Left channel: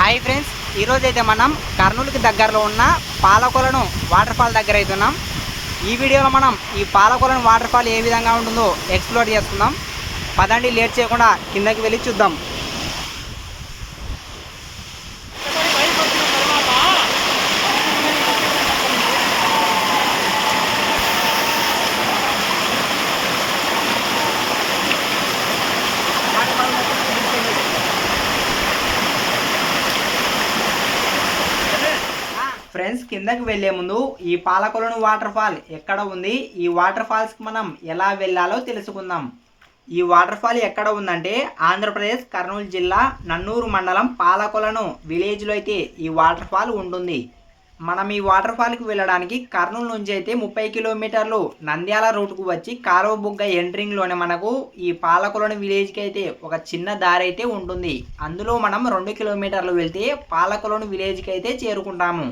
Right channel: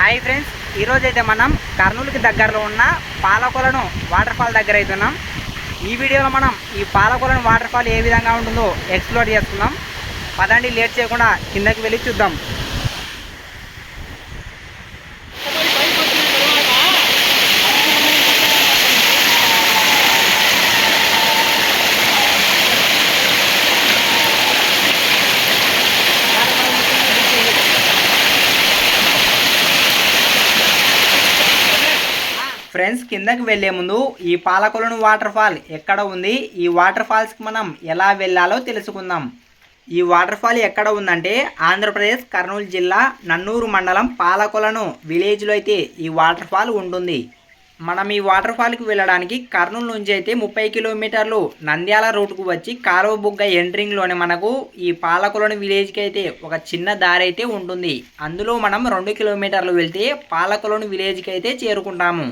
Hi friends ఈరోజు అయితే మనం కర్నూలుకి దగ్గరలో ఉన్న పాలకొలను వాటర్ ఫాల్ దగ్గర అవుతున్నాం ఈ వీడియోలో మనం ఈ పాలకొలను వాటర్ ఫాల్ ఏ విధంగా ఉంటుందో ఎక్స్ప్లోర్ చేస్తున్నాం పదండి లేట్ చేయకుండా కిందకి వెళ్ళి చూద్దాం. ఫ్రెండ్స్ కిందకి వెళ్ళే ముందు ఈ పాలకొలను వాటర్ ఫాల్ ఎక్కడ ఉంది? ఈ వాటర్ ఫాల్స్కి మనం ఎలా వెళ్ళాలో తెలుసుకుందాం. ఈ వాటర్ ఫాల్ ఎక్కడ ఉందంటే ఆంధ్రప్రదేశ్ కర్నూలు జిల్లా నన్నూరు మండలం పాలకొలను విలేజ్లో అయితే ఈ వాటర్ ఫాల్ ఉంటుంది. మనం ఈ వాటర్ ఫాల్కి వెళ్ళడానికి కర్నూలు నుంచి అయితే ముప్పై కిలోమీటర్లు నంద్యాల రూట్కు వచ్చి కారవబుగ్గ ఎంట్రింగ్లోనే మనకు ఈ పాలకొలను విలేజ్కి అయితే ఒక చిన్న దారి అయితే ఉంటుంది. అందులో మనం రెండు కిలోమీటర్లు వెళ్తే పాలకొలను విలేజ్కి అయితే చేరుకుంటాము.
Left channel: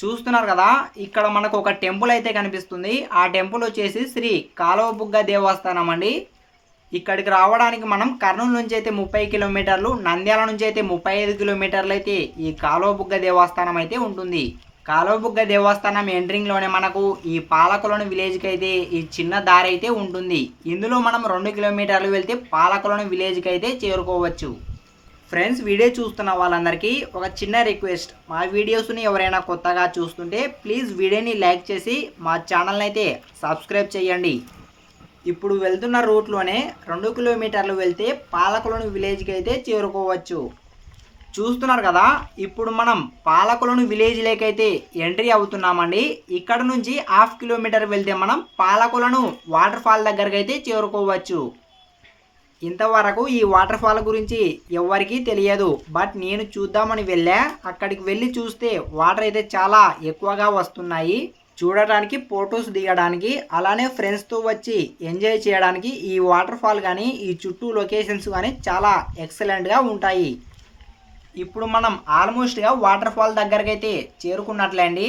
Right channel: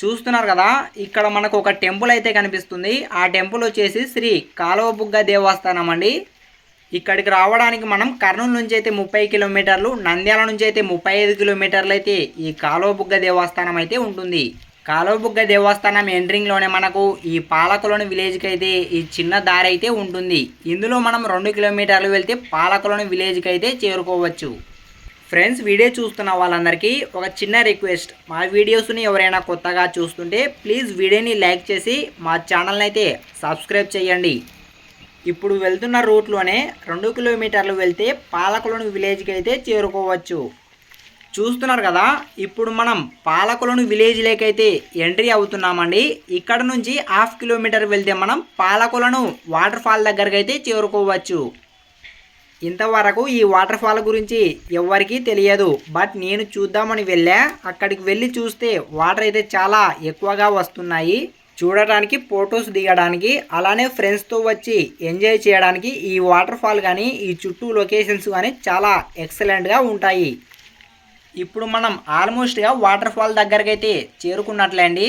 చూస్తున్నారు కదా ఇక్కడ మనకు ఒక టెంపుల్ అయితే కనిపిస్తుంది. ఆ టెంపుల్ వచ్చేసి శ్రీ కాలువబుగ్గ దేవస్థానం అండి. ఇక్కడికి రావడానికి మనం కర్నూలు నుంచి అయితే ముప్పై కిలోమీటర్లు నంద్యాల నుంచి అయితే ముప్పై ఐదు కిలోమీటర్లు అయితే ఈ కాలువబుగ్గ దేవస్థానం అయితే ఉంటుంది. కాలువబుగ్గ దేవస్థానం ఎంట్రింగ్లోనే మనకు ఈ పాలకలోని విలేజ్కి అయితే ఈ చిన్న దారి అయితే ఉంటుంది. ఇందులో మనం రెండు కిలోమీటర్లు వెళ్తే పాలకలోని విలేజ్కి అయితే చేరుకోవచ్చు. ఫ్రెండ్స్ వీడియో చూస్తున్న వాళ్ళందరికీ ఒక చిన్న రిక్వెస్ట్ మా వీడియోస్ని ఎవరైనా కొత్తగా చూస్తుంటే ప్లీజ్ వీడియోని లైక్ చేసి మా ఛానల్ని అయితే సబ్స్క్రైబ్ చేయండి. ఇప్పుడు వెళ్తున్న రూట్లోనే రెండు కిలోమీటర్లు వెళ్తే పాలకులను విలేజ్కి అయితే చేరుకోవచ్చు. చూస్తున్నారు కదా ఇప్పుడు మనం పాలకులను విలేజ్లోకి అయితే ఎంట్రీ అవుతున్నామండి. ఇక్కడ నుంచి హాఫ్ కిలోమీటర్ వెళ్తే మనం పాలకులను వాటర్ ఫాల్ దగ్గరకు అయితే చేరుకోవచ్చు. ఇంతవరకు ఈ వాటర్ ఫాల్ గురించి ఎవరికీ తెలియదు. బట్ నేను చూద్దామని వెళ్ళా. అక్కడికి వెళ్ళి చూస్తే వాటర్ అయితే చాలా ఎక్కువగా వస్తున్నాయి. చూడటానికి ఫొటోస్ దిగడానికి అలానే ఫ్రెండ్స్తో వచ్చి ఎంజాయ్ చేయడానికి ఈ వాటర్ ఫాల్ కానీ ఈ చుట్టూ లొకేషన్స్ కానీ చాలా ఎక్సలెంట్గా ఉంటాయి. ఇప్పుడు మనం ఆల్మోస్ట్గా వాటర్ ఫాల్ దగ్గరకు అయితే చేరుకున్నట్లే అండి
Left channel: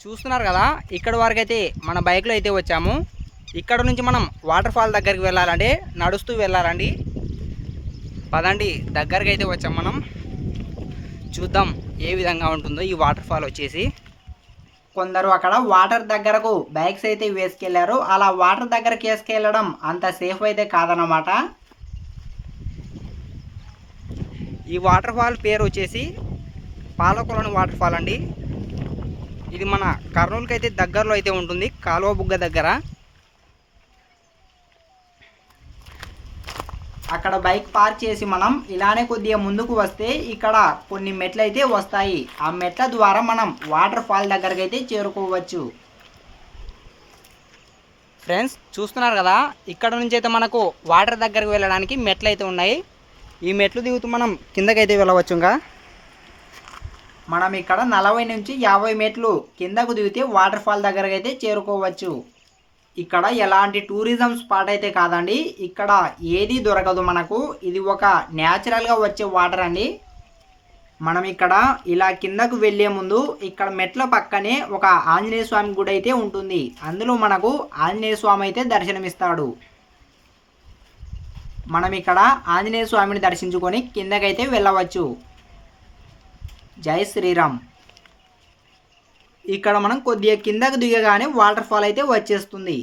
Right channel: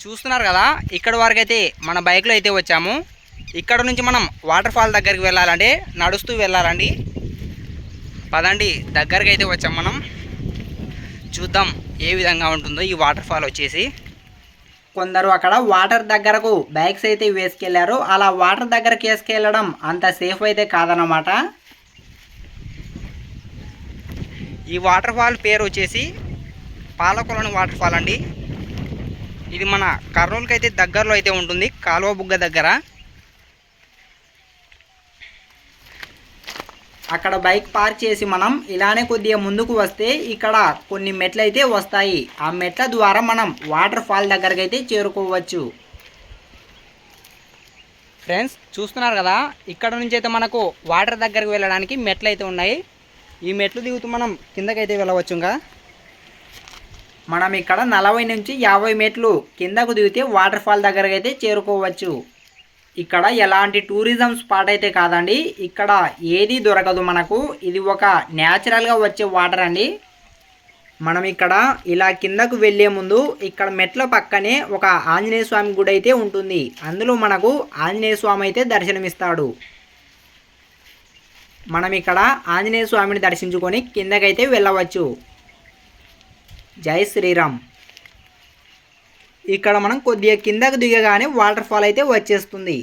చూస్తున్నారు కదా? ఇక్కడ వరకు అయితే మన బైక్లో అయితే వచ్చాము. ఇక్కడ నుంచి మనం వాటర్ ఫాల్ దగ్గరికి వెళ్ళాలంటే నడుస్తూ వెళ్ళాలండి. పదండి దగ్గరికి అయితే వచ్చాం మనం. చూద్దాం ఏ విధంగా ఉంటుందో ఈ వాటర్ ఫాల్ వచ్చేసి. కొందరు అక్కడ వాటర్ దగ్గరకు బైక్స్ అయితే వేసుకెళ్ళారు. అలా వాటర్ దగ్గరకు వేసుకెళ్ళడం అంత సేఫ్ అయితే కాదనమాట ఈ వాటర్ ఫాల్ పేరు వచ్చేసి పాలకొలను వాటర్ ఫాల్ అండి. ఇది మన కర్నూలుకి అయితే దగ్గరలో అయితే ఉంటుంది కాలువ బుగ్గ దగ్గర. అక్కడ బైక్ పార్క్ చేసి మనం ఇలానే కొద్దిగా ముందుకు వస్తే ఇక్కడ కొన్ని మెట్లు అయితే వస్తాయి. ఆ మెట్ల ద్వారా మనం వాటర్ ఫాల్ దగ్గరికి అయితే చేరుకోవచ్చు. ఫ్రెండ్స్ చూస్తున్నారు కదా? ఇక్కడ నుంచి అయితే మనకు వాటర్ దగ్గరికి వెళ్ళడానికి మెట్లు అయితే ఉన్నాయి. ఈ మెట్లు దిగుతూ మనం కిందకైతే వెళ్ళవచ్చు ఇంకా మనం ఇక్కడ నలభై నుంచి యాభై మెట్లు కిందకు దిగితే వాటర్ ఫాల్ దగ్గరకు అయితే చేరుకోవచ్చు. ఇక్కడ ఎలాంటి టూరిజం స్పాట్ అయితే కాదండి. ఇక్కడ ఏది దొరకదు మనకు. ఇది ఒక న్యాచురల్గా వచ్చే వాటర్ అండి. మనం ఇక్కడ ఇలా కిందకు వెళ్ళే ముందు ఇక్కడ మెట్ల పక్కనే ఒక ఆంజనేయ స్వామి గుడి అయితే ఉంటుంది. అందులో మనకు ఆంజనేయ స్వామి అయితే దర్శనమిస్తాడు. మనం ఇక్కడ ఆంజనేయ స్వామిని దర్శించుకొని కిందకైతే వెళ్ళవచ్చు. జై శ్రీరామ్. ఇక్కడ మనం కొద్దిగా కిందకు దిగగానే వాటర్ ఫాల్ అయితే వచ్చేస్తుంది.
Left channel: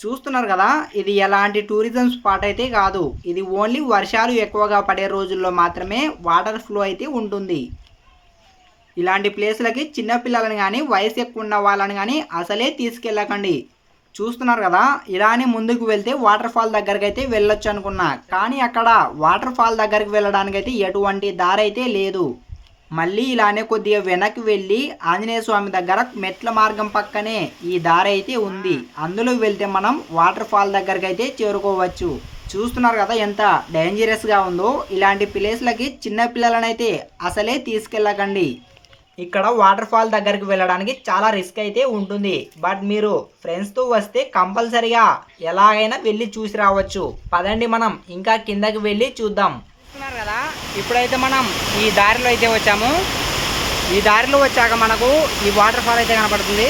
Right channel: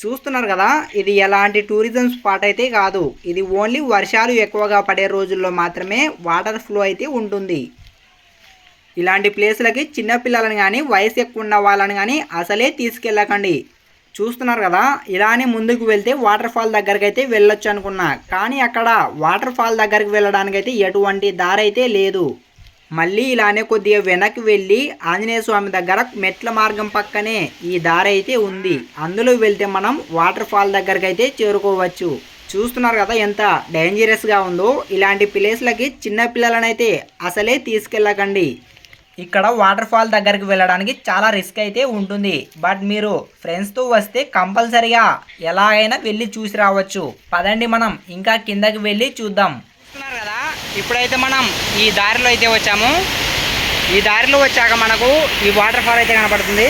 చూస్తున్నారు కదా ఇది ఎలాంటి టూరిజం స్పాట్ అయితే కాదు. ఇది ఓన్లీ వర్షాలు ఎక్కువగా పడే రోజుల్లో మాత్రమే వాటర్ ఫ్లో అయితే ఉంటుంది. ఇలాంటి ప్లేసులకి చిన్నపిల్లలను కానీ వయసు ఎక్కువ ఉన్న వాళ్ళని కానీ అసలే తీసుకెళ్ళకండి. చూస్తున్నారు కదా ఇలానే ముందుకు వెళ్తే వాటర్ ఫాల్ దగ్గరికి అయితే వెళ్ళొచ్చు అనుకున్నా. కానీ అక్కడ వాటర్ ఫాల్ దగ్గరికి వెళ్ళడానికి అయితే ఎటువంటి దారి అయితే లేదు. మళ్ళీ ఇలానే కొద్దిగా వెనక్కి వెళ్ళి ఆంజనేయ స్వామి దగ్గర మెట్ల మార్గం పక్కనే ఈ దారి అయితే ఉంది. అందులో వెళ్తే మనం వాటర్ ఫాల్ దగ్గరికి అయితే చేరుకోవచ్చు. చూస్తున్నారు కదా ఎంత డేంజరస్గా ఉందో. ఇలాంటి ప్లేస్లకి చిన్నపిల్లలనైతే అసలే తీసుకెళ్ళకండి. ఇక్కడ వాటర్ ఫాల్ దగ్గరికి వెళ్ళడానికి చాలా రిస్క్ అయితే ఉంటుంది. బట్ మీరు ఫ్రెండ్స్తో వస్తే కంపల్సరిగా ఎలాగైనా వెళ్ళి చూసి రావచ్చు. పదండి మనం ఇంకా కిందకి వెళ్ళి చూద్దాం. చూస్తున్నారు కదా ఇప్పుడైతే మనం ఈ దారిలో అయితే వచ్చాము. ఈ దారిలో వచ్చాక మనకు ఈ వాటర్ ఫాల్ అయితే కనపడుతుంది.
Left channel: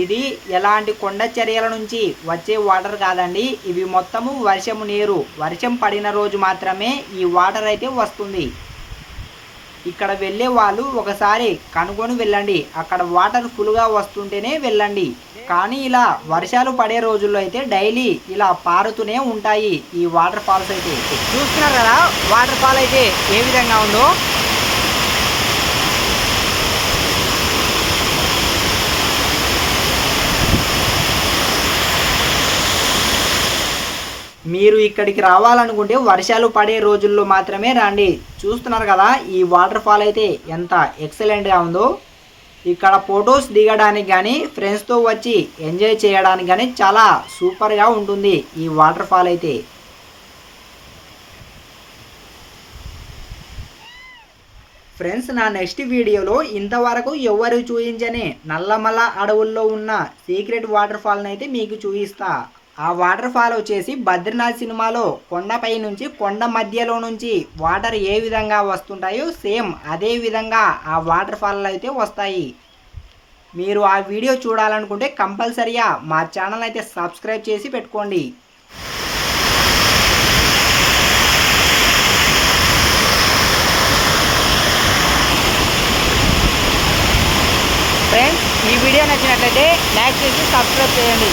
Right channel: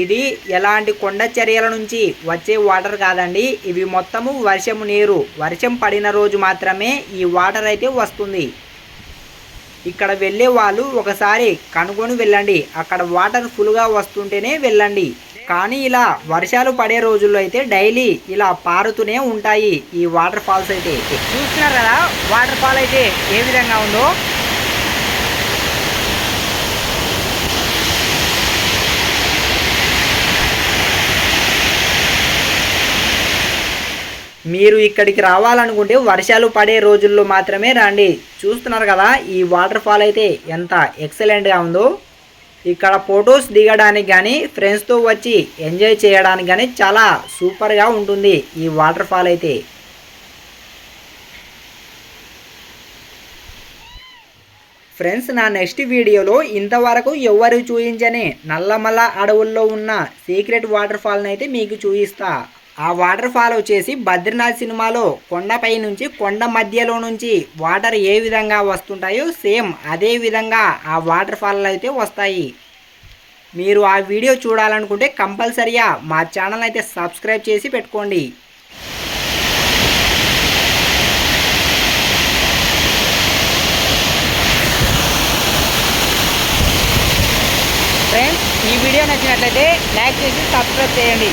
ఇది ఎలాంటి కొండ చర్యల నుంచి వచ్చే వాటర్ కాదండి. ఇవి మొత్తము వర్షము నీరు. వర్షం పడిన రోజు మాత్రమే ఈ వాటర్ అయితే వస్తుంది. ఇక్కడ వెళ్ళే వాళ్ళు ఒకసారి కనుగొని వెళ్ళండి. అక్కడ వాటర్ ఫుల్గా వస్తుంటేనే వెళ్ళండి. కానీ ఇలా వర్షాలు పడే రోజుల్లో అయితే డైలీ ఇలా పారుతూనే ఉంటాయి ఈ వాటర్ ఫాల్స్ అయితే. చూస్తున్నారు? కదా వాటర్ ఫాల్ అయితే ఏ విధంగా ఉందో? మీరు ఇక్కడికి రావాలనుకుంటే వర్షాలు పడే రోజుల్లో మాత్రమే రండి. చూస్తున్నారు కదా ఈ వాటర్ ఫాల్ అయితే ఎంత ఎక్సలెంట్గా ఉందో. ఇక్కడ ఫొటోస్ దిగడానికి కానీ ఫ్రెండ్స్తో వచ్చి ఎంజాయ్ చేయడానికి కానీ చాలా సూపర్గా ఉంటుంది ఈ వాటర్ ఫాల్ అయితే. ఫ్రెండ్స్ నా నెక్స్ట్ వీడియోలో ఇంతవరకు ఎవరు చూపించని నల్లమల్ల అడవుల్లో ఉన్న సీక్రెట్ వాటర్ ఫాల్ని అయితే మీకు చూపిస్తా. ఆ వాటర్ ఫాల్ వచ్చేసి బద్రీనాథ్ సినిమాలో కొండపై నుంచి కొండ మధ్యలో నుంచి వాటర్ ఏ విధంగా వస్తుంటాయో సేమ్ అదే విధంగా ఆ వాటర్ ఫాల్ అయితే వస్తాయి. మీరు ఆ వీడియో చూడాలనుకుంటే కంపల్సరీగా మా ఛానల్ అయితే సబ్స్క్రైబ్ చేసి పెట్టుకోండి. ఫ్రెండ్స్ ఈ వీడియో నచ్చినట్లయితే లైక్ చేసి సబ్స్క్రైబ్ చేయండి.